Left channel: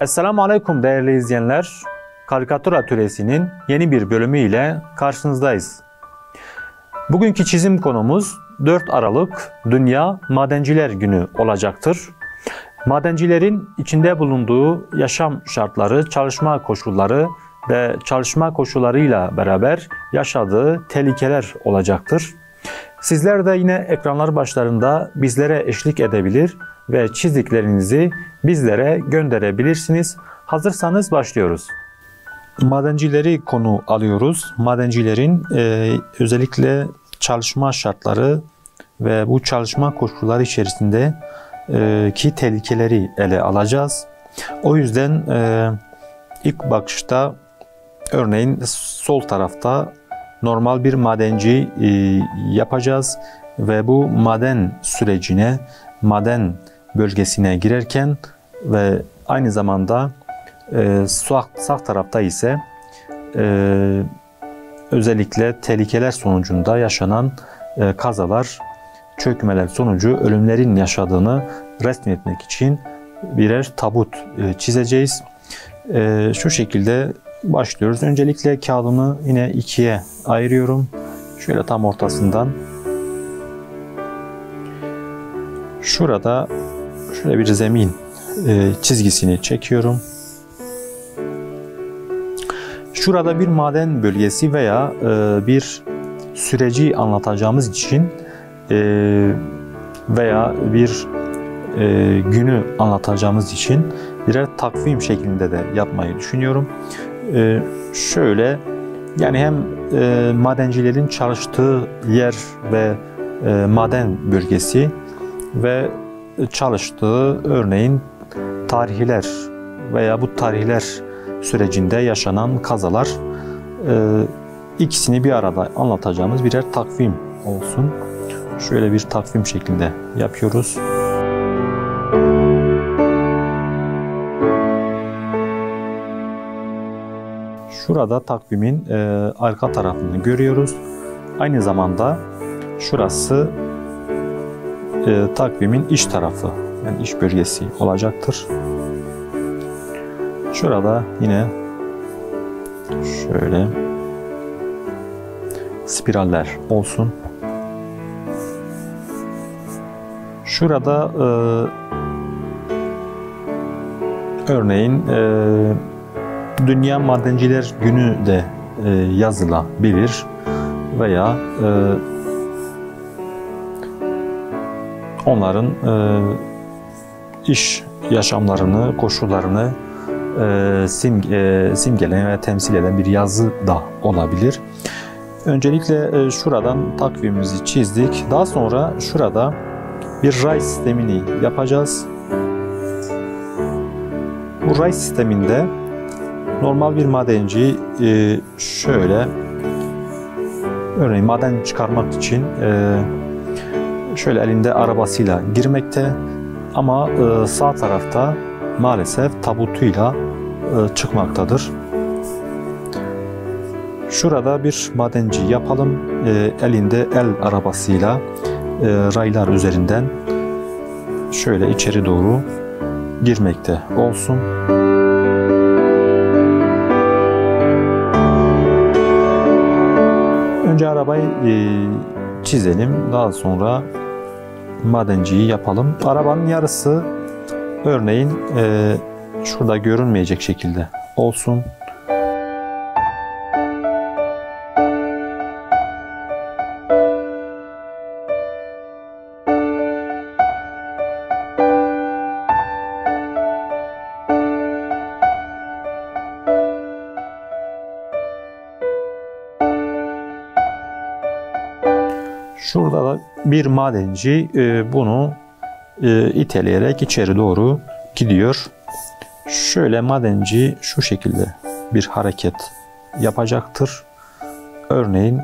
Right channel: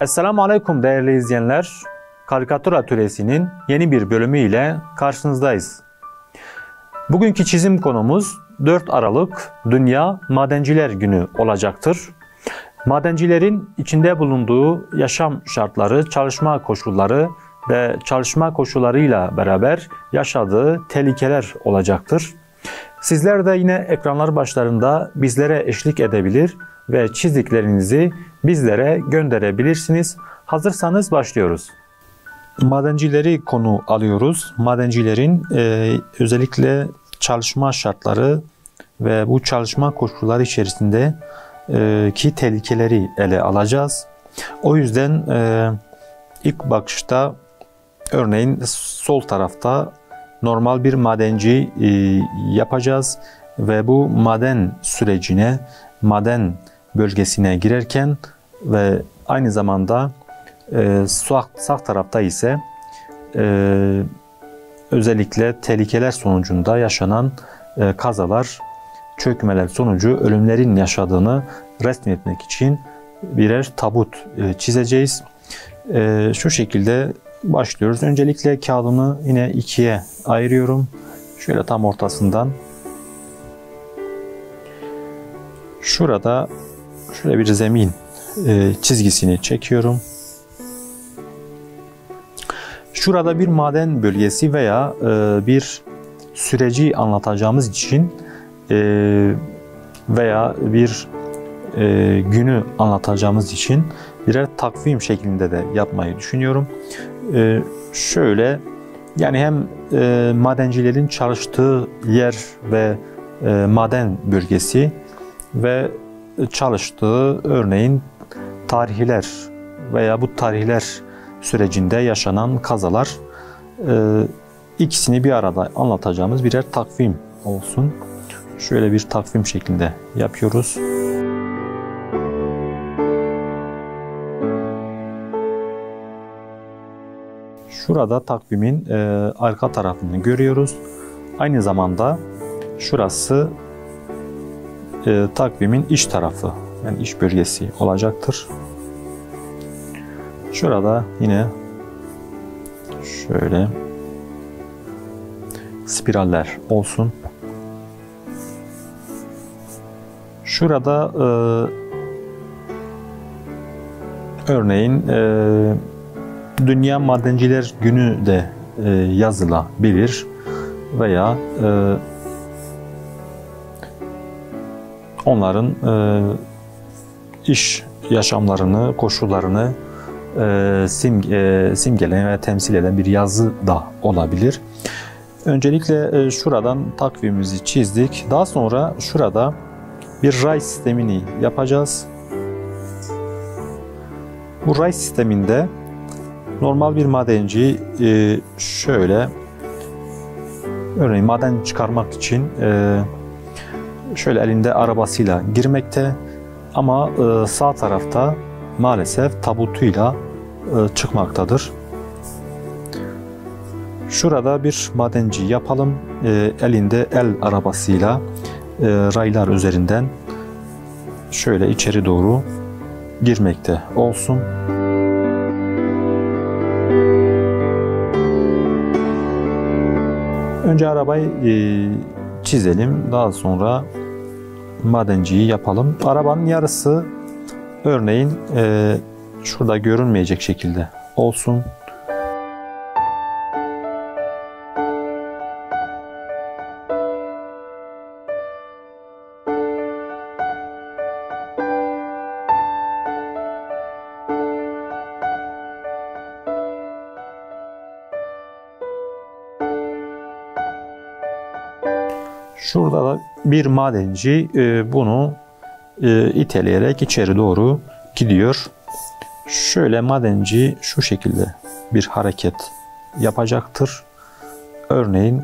Esselamu Aleyküm değerli izleyenler. Karikatür Atölyesi'nin yeni bir bölümü ile karşınızdayız. Bugünkü çizim konumuz 4 Aralık Dünya Madenciler Günü olacaktır. Madencilerin içinde bulunduğu yaşam şartları, çalışma koşulları ve çalışma koşullarıyla beraber yaşadığı tehlikeler olacaktır. Sizler de yine ekranlar başlarında bizlere eşlik edebilir ve çizdiklerinizi bizlere gönderebilirsiniz. Hazırsanız başlıyoruz. Madencileri konu alıyoruz. Madencilerin özellikle çalışma şartları ve bu çalışma koşulları içerisinde ki tehlikeleri ele alacağız. O yüzden ilk bakışta örneğin sol tarafta normal bir madenci yapacağız ve bu maden sürecine, maden bölgesine girerken ve aynı zamanda sağ tarafta ise özellikle tehlikeler sonucunda yaşanan kazalar, çökmeler sonucu ölümlerin yaşadığını resmetmek için birer tabut çizeceğiz. Şu şekilde başlıyoruz. Öncelikle kağıdımı yine ikiye ayırıyorum. Şöyle tam ortasından. Şurada şöyle bir zemin çizgisini çekiyorum. Şurada bir maden bölgesi veya bir süreci anlatacağımız için veya bir günü anlatacağımız için birer takvim şeklinde de yapmayı düşünüyorum. Şöyle yani hem madencilerin çalıştığı yer ve maden bölgesi ve çalıştığı örneğin tarihler veya bu tarihler sürecinde yaşanan kazalar ikisini bir arada anlatacağımız birer takvim olsun. Şöyle bir takvim şeklinde yapıyoruz. Şurada takvimin arka tarafını görüyoruz. Aynı zamanda şurası takvimin iç tarafı, yani iç bölgesi olacaktır. Şurada yine şöyle spiraller olsun. Şurada örneğin Dünya Madenciler Günü de yazılabilir veya onların iş yaşamlarını, koşullarını simgeleyen ve temsil eden bir yazı da olabilir. Öncelikle şuradan takvimimizi çizdik. Daha sonra şurada bir ray sistemini yapacağız. Bu ray sisteminde normal bir madenci şöyle örneğin maden çıkarmak için şöyle elinde arabasıyla girmekte ama sağ tarafta maalesef tabutuyla çıkmaktadır. Şurada bir madenci yapalım. Elinde el arabasıyla raylar üzerinden şöyle içeri doğru girmekte olsun. Önce arabayı çizelim. Daha sonra madenciyi yapalım. Arabanın yarısı örneğin şurada görünmeyecek şekilde olsun. Şurada da bir madenci bunu iteleyerek içeri doğru gidiyor. Şöyle madenci şu şekilde bir hareket yapacaktır. Örneğin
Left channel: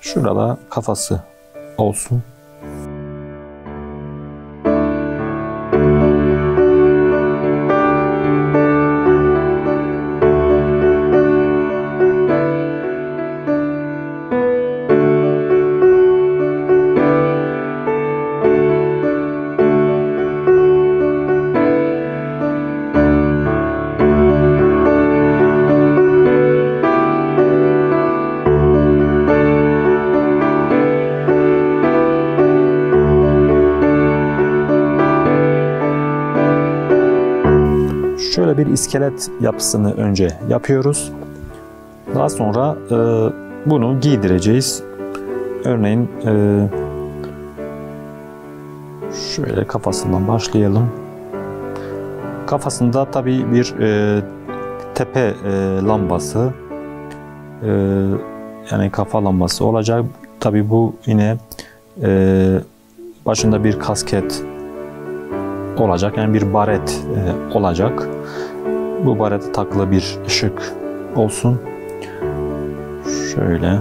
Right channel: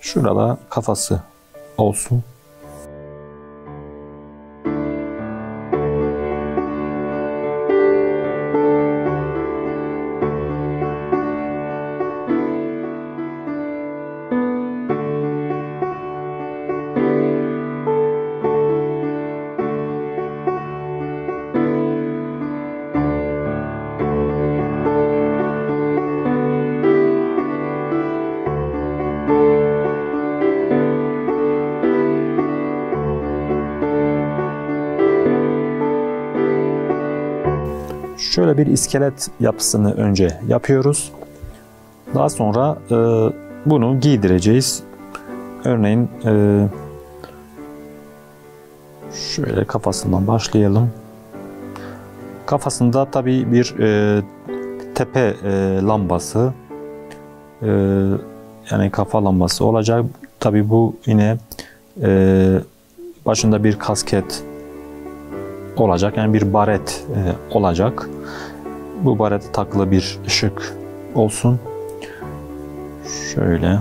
şurada kafası olsun. Şöyle bir iskelet yapısını önce yapıyoruz. Daha sonra bunu giydireceğiz. Örneğin şöyle kafasından başlayalım. Kafasında tabii bir tepe lambası, yani kafa lambası olacak. Tabii bu yine başında bir kasket olacak, yani bir baret olacak. Bu barete takılı bir ışık olsun. Şöyle.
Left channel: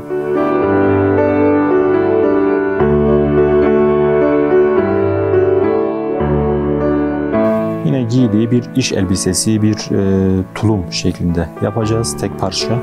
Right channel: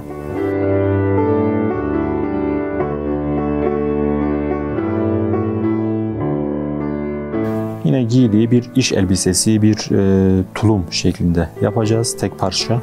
Yine giydiği bir iş elbisesi, bir tulum şeklinde yapacağız, tek parça.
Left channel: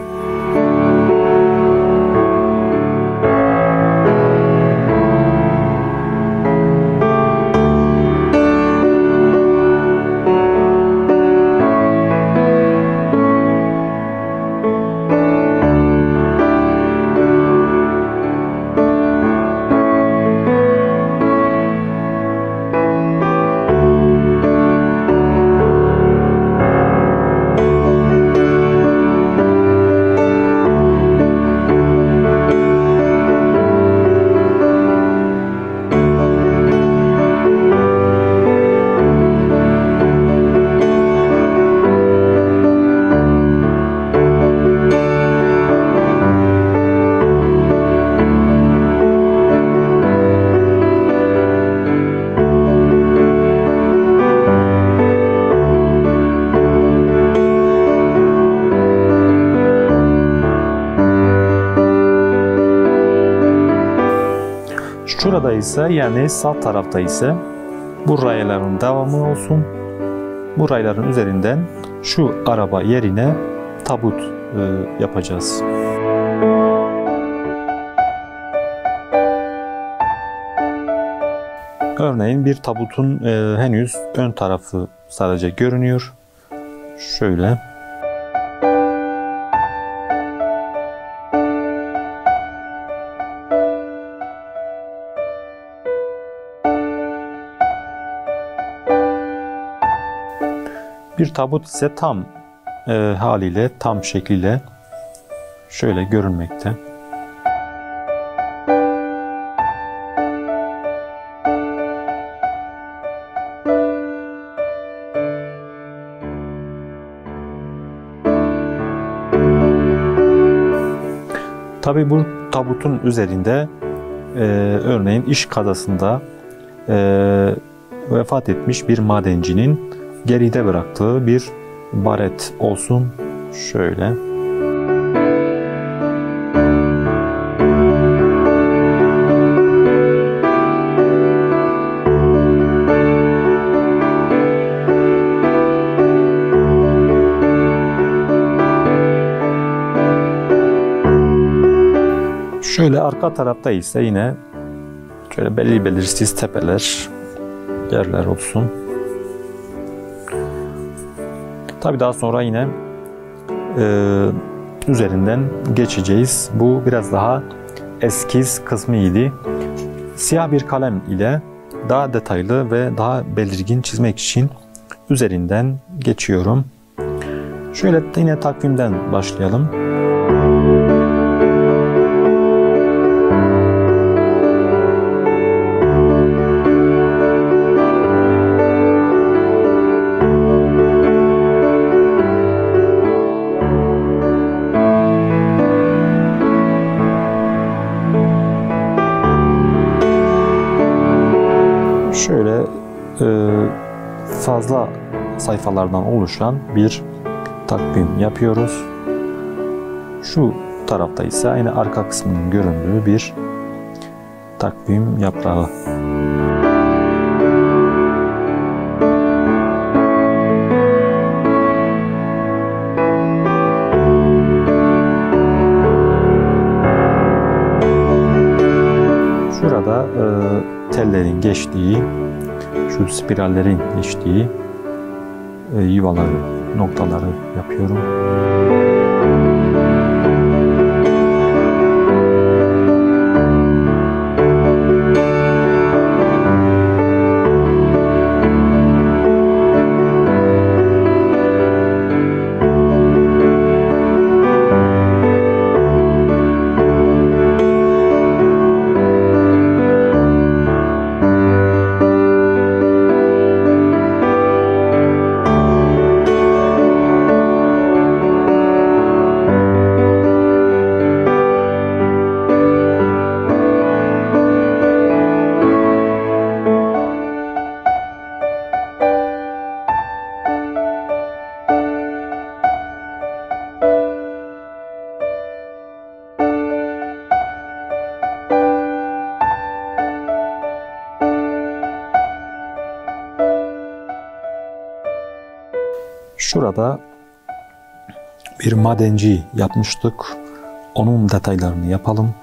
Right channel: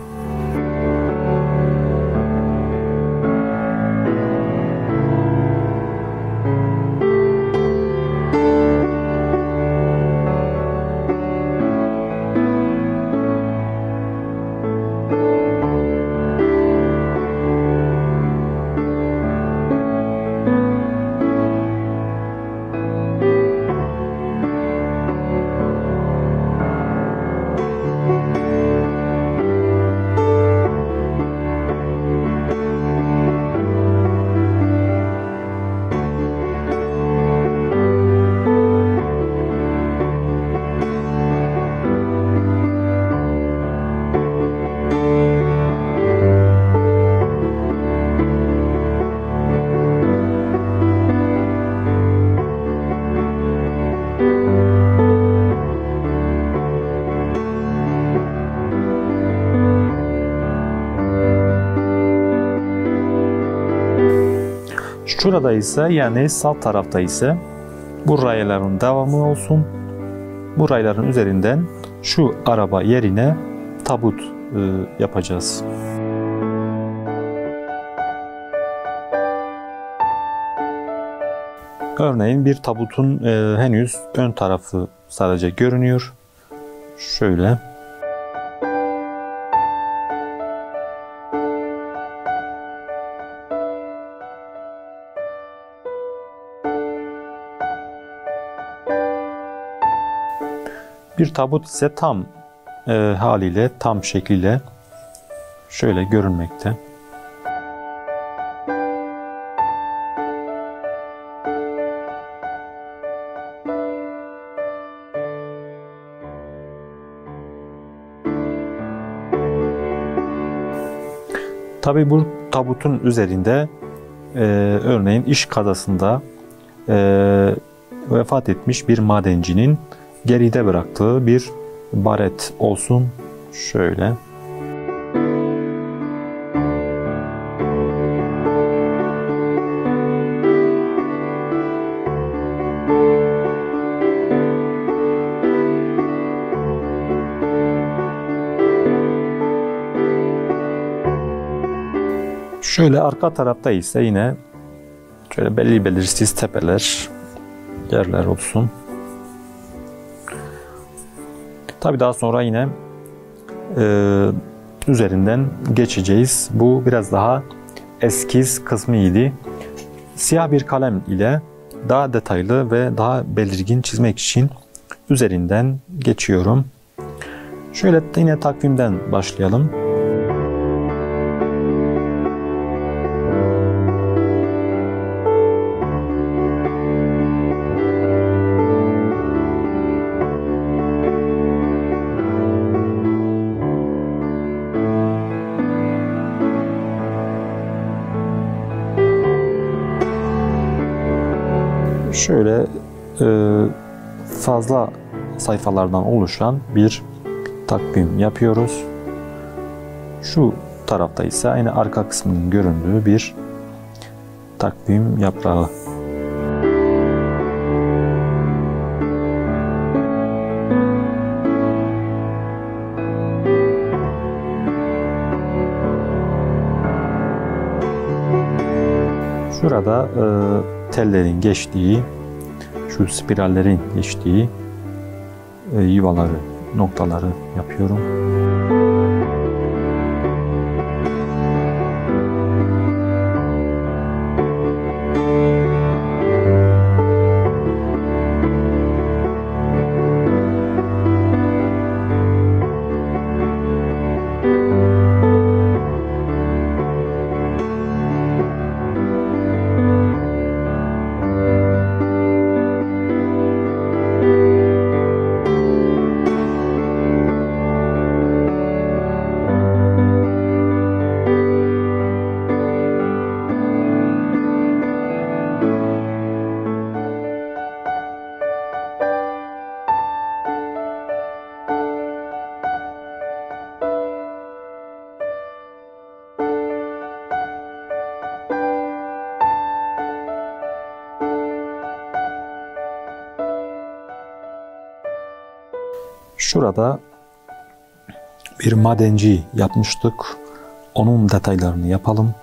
Şurada ise, yani sağ tarafta ise bu rayların devamı olsun. Bu rayların üzerinden şu araba yerine tabut yapacağız. Örneğin bir tabutun henüz ön tarafı sadece görünüyor. Şöyle. Bir tabut ise tam haliyle, tam şekliyle şöyle görünmekte. Tabii bu tabutun üzerinde örneğin iş kazasında vefat etmiş bir madencinin geride bıraktığı bir baret olsun. Şöyle. Şöyle arka tarafta ise yine şöyle belli belirsiz tepeler, yerler olsun. Tabii daha sonra yine üzerinden geçeceğiz. Bu biraz daha eskiz kısmıydı. Siyah bir kalem ile daha detaylı ve daha belirgin çizmek için üzerinden geçiyorum. Şöyle yine takvimden başlayalım. Şöyle fazla sayfalardan oluşan bir takvim yapıyoruz. Şu tarafta ise yine arka kısmının göründüğü bir takvim yaprağı. Şurada tellerin geçtiği, şu spirallerin geçtiği yuvaları, noktaları yapıyorum. Şurada bir madenci yapmıştık. Onun detaylarını yapalım.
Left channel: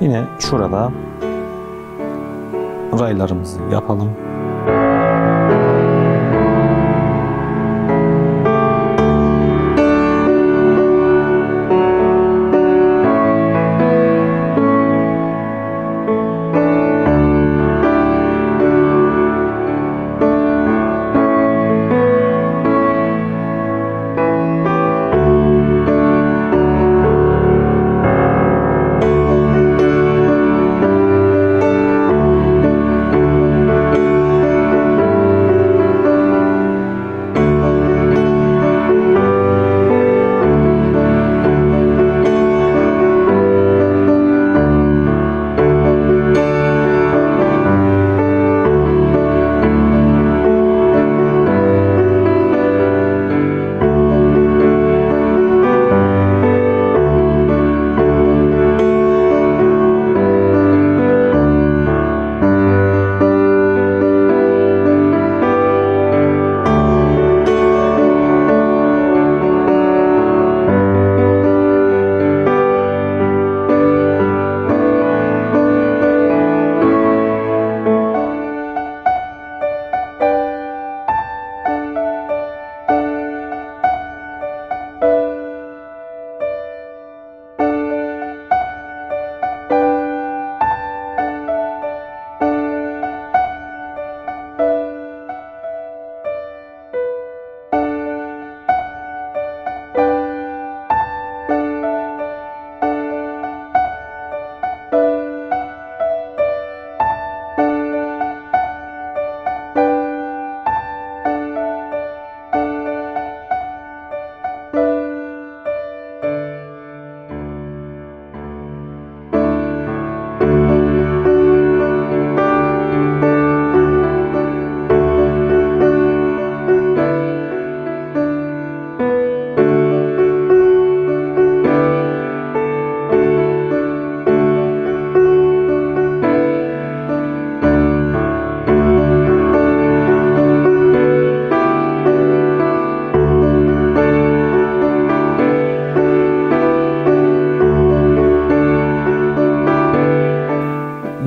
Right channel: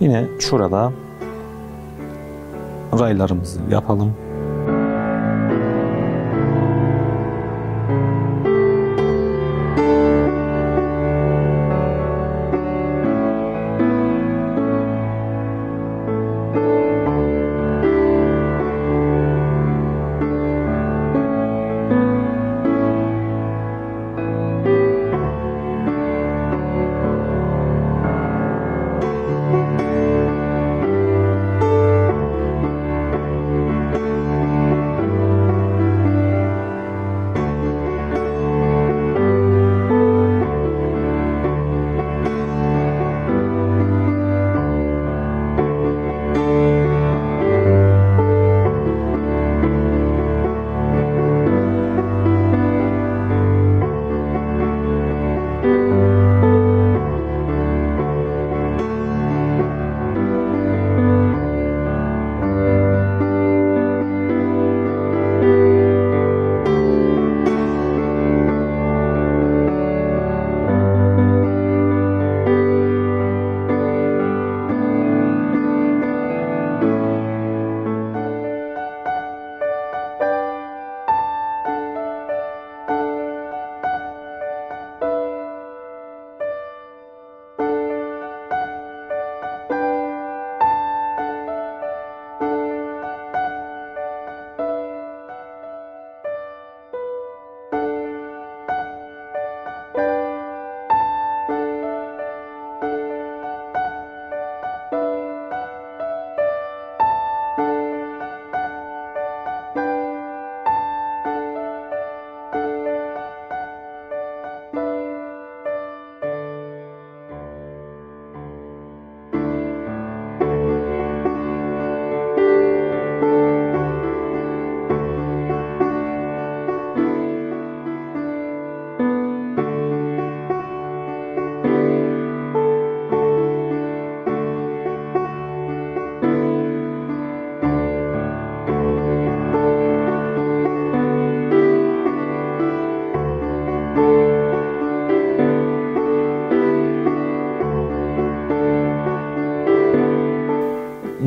Yine şurada raylarımızı yapalım.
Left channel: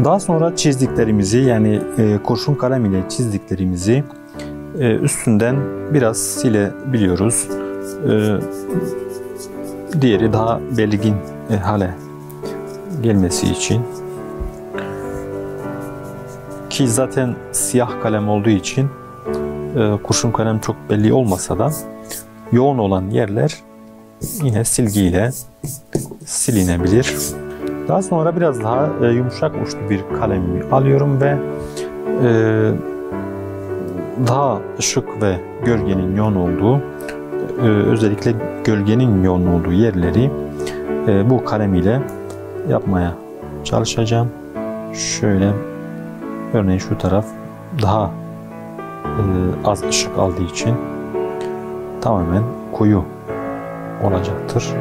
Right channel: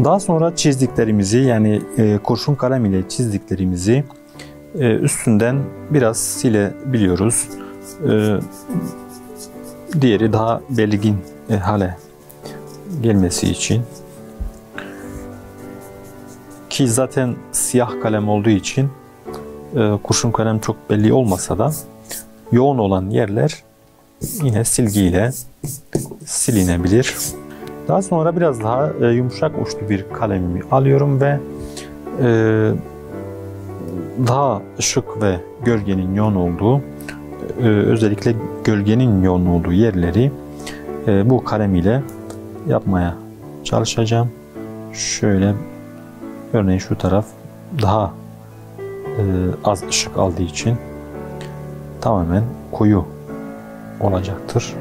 Daha sonra çizdiklerimizi yani kurşun kalem ile çizdiklerimizi üstünden biraz silebiliyoruz. Diğeri daha belirgin hale gelmesi için. Ki zaten siyah kalem olduğu için kurşun kalem çok belli olmasa da yoğun olan yerler yine silgiyle silinebilir. Daha sonra biraz daha yumuşak uçlu bir kalemimi alıyorum ve daha ışık ve gölgenin yoğun olduğu, özellikle gölgenin yoğun olduğu yerleri bu kalem ile yapmaya çalışacağım. Şöyle Örneğin şu taraf daha az ışık aldığı için tamamen koyu olacaktır.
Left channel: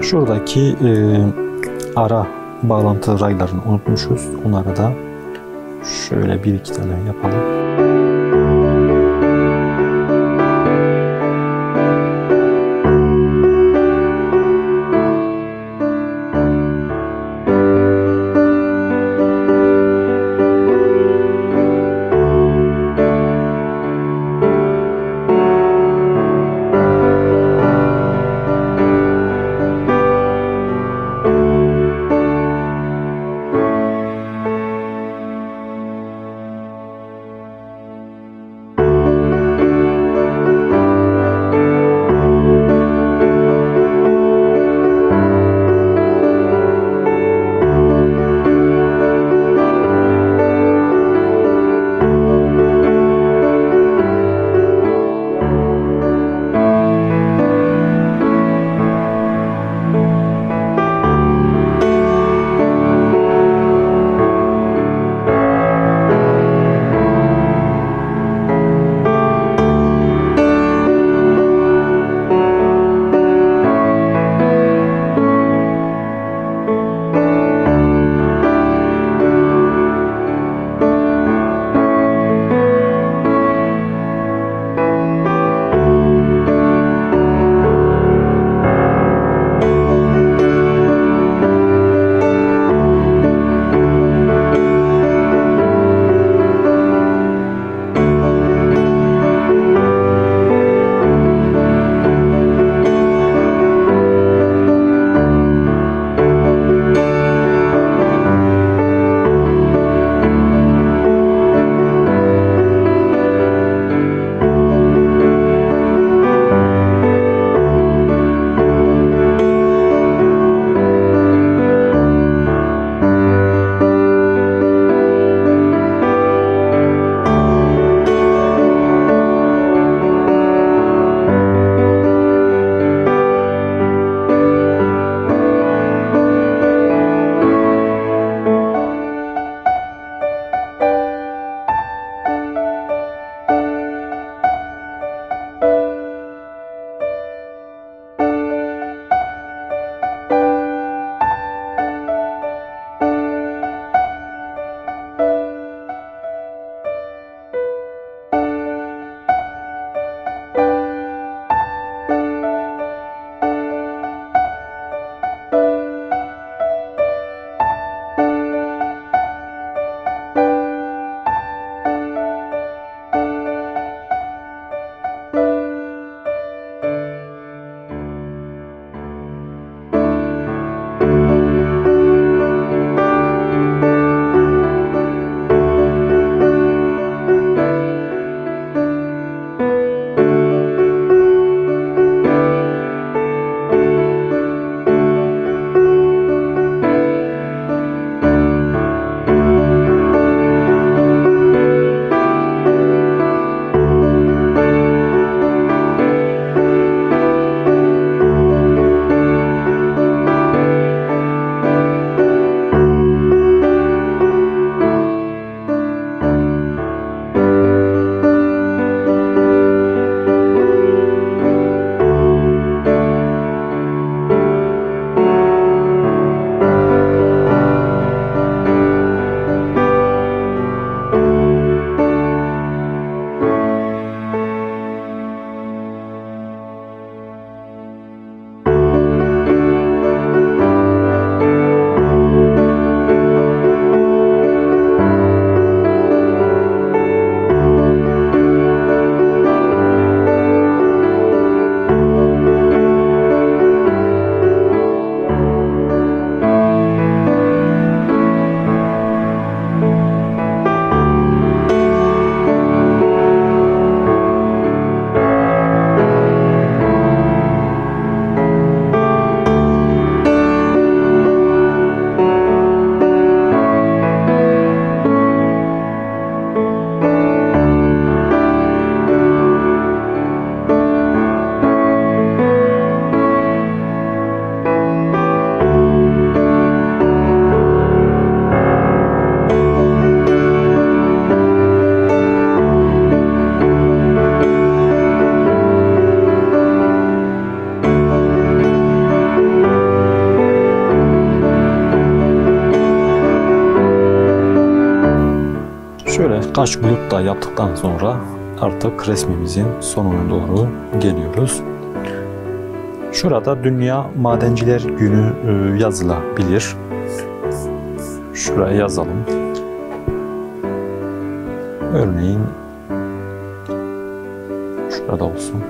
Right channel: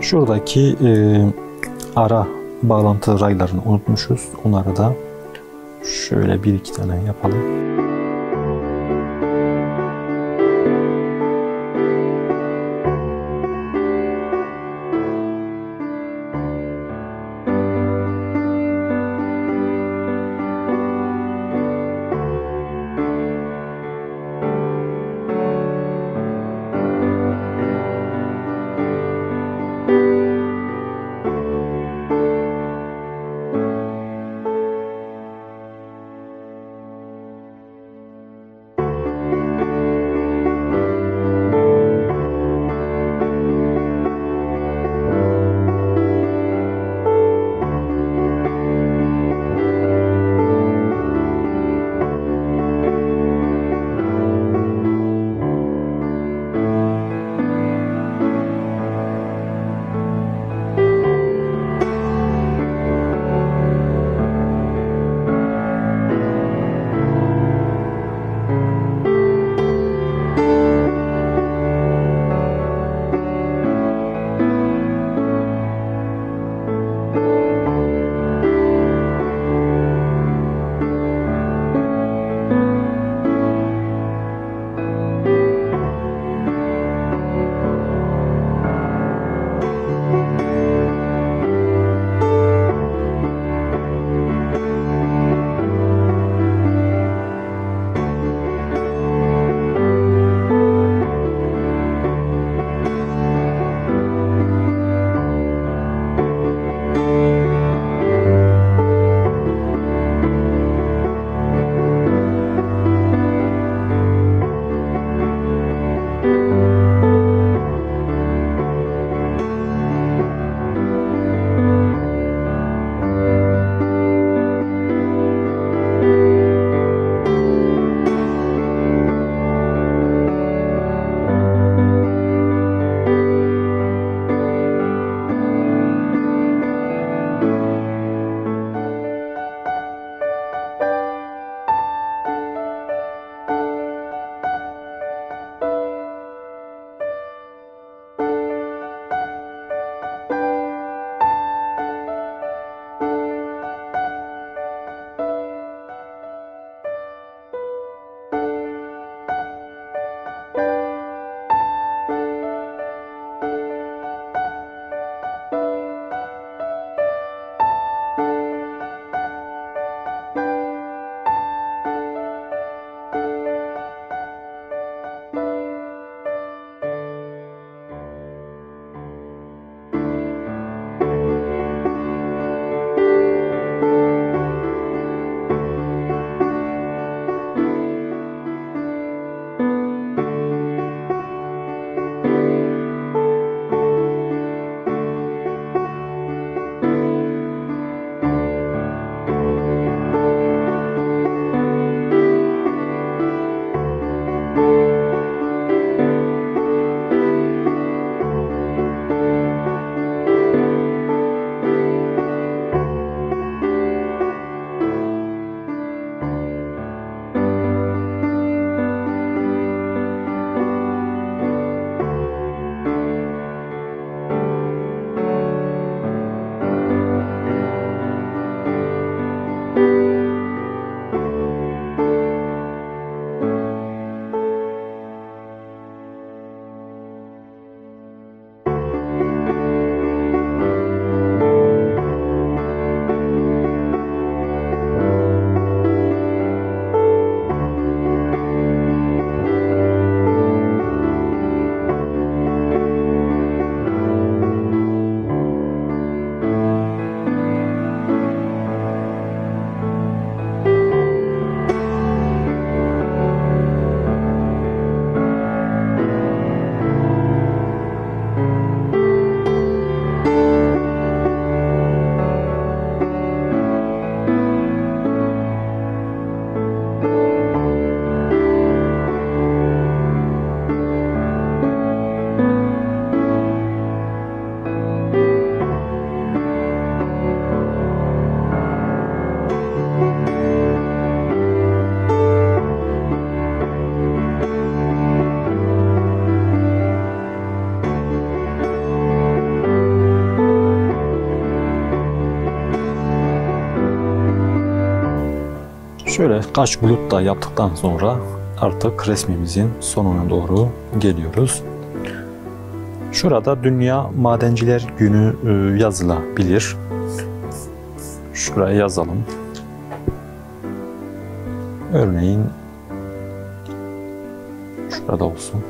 Şuradaki ara bağlantı raylarını unutmuşuz. Onları da şöyle bir iki tane yapalım. Şöyle kaş bulut da yaptıktan sonra artık resmimizin sonuna doğru geliyoruz. Şurada Dünya Madenciler Günü yazılabilir. Şuraya yazalım. Örneğin şurada olsun.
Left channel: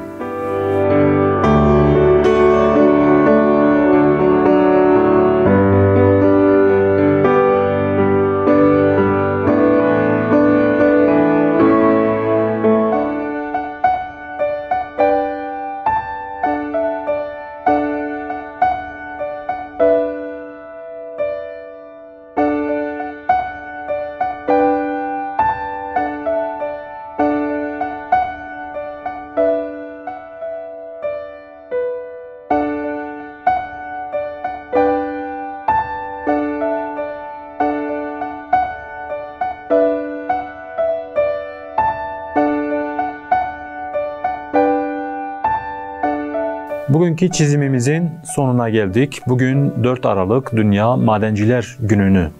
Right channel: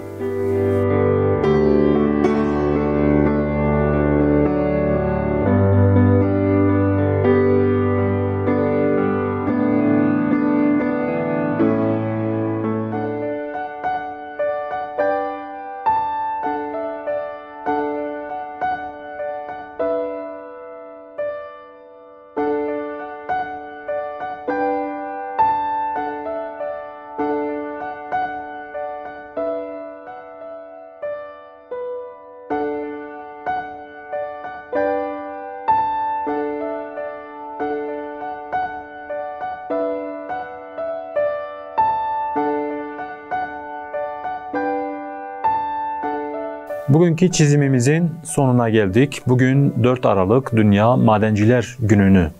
Bugünkü çizimimizin sonuna geldik. Bugün 4 Aralık Dünya Madenciler Günü'nü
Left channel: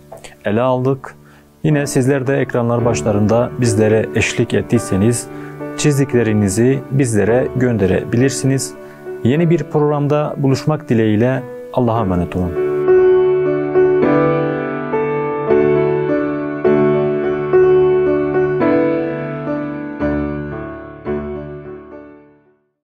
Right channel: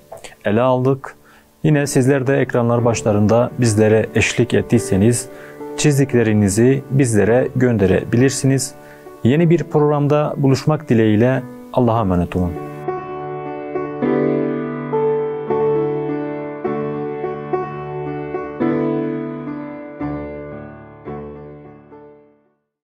ele aldık. Yine sizler de ekranlar başlarında bizlere eşlik ettiyseniz çizdiklerinizi bizlere gönderebilirsiniz. Yeni bir programda buluşmak dileğiyle Allah'a emanet olun.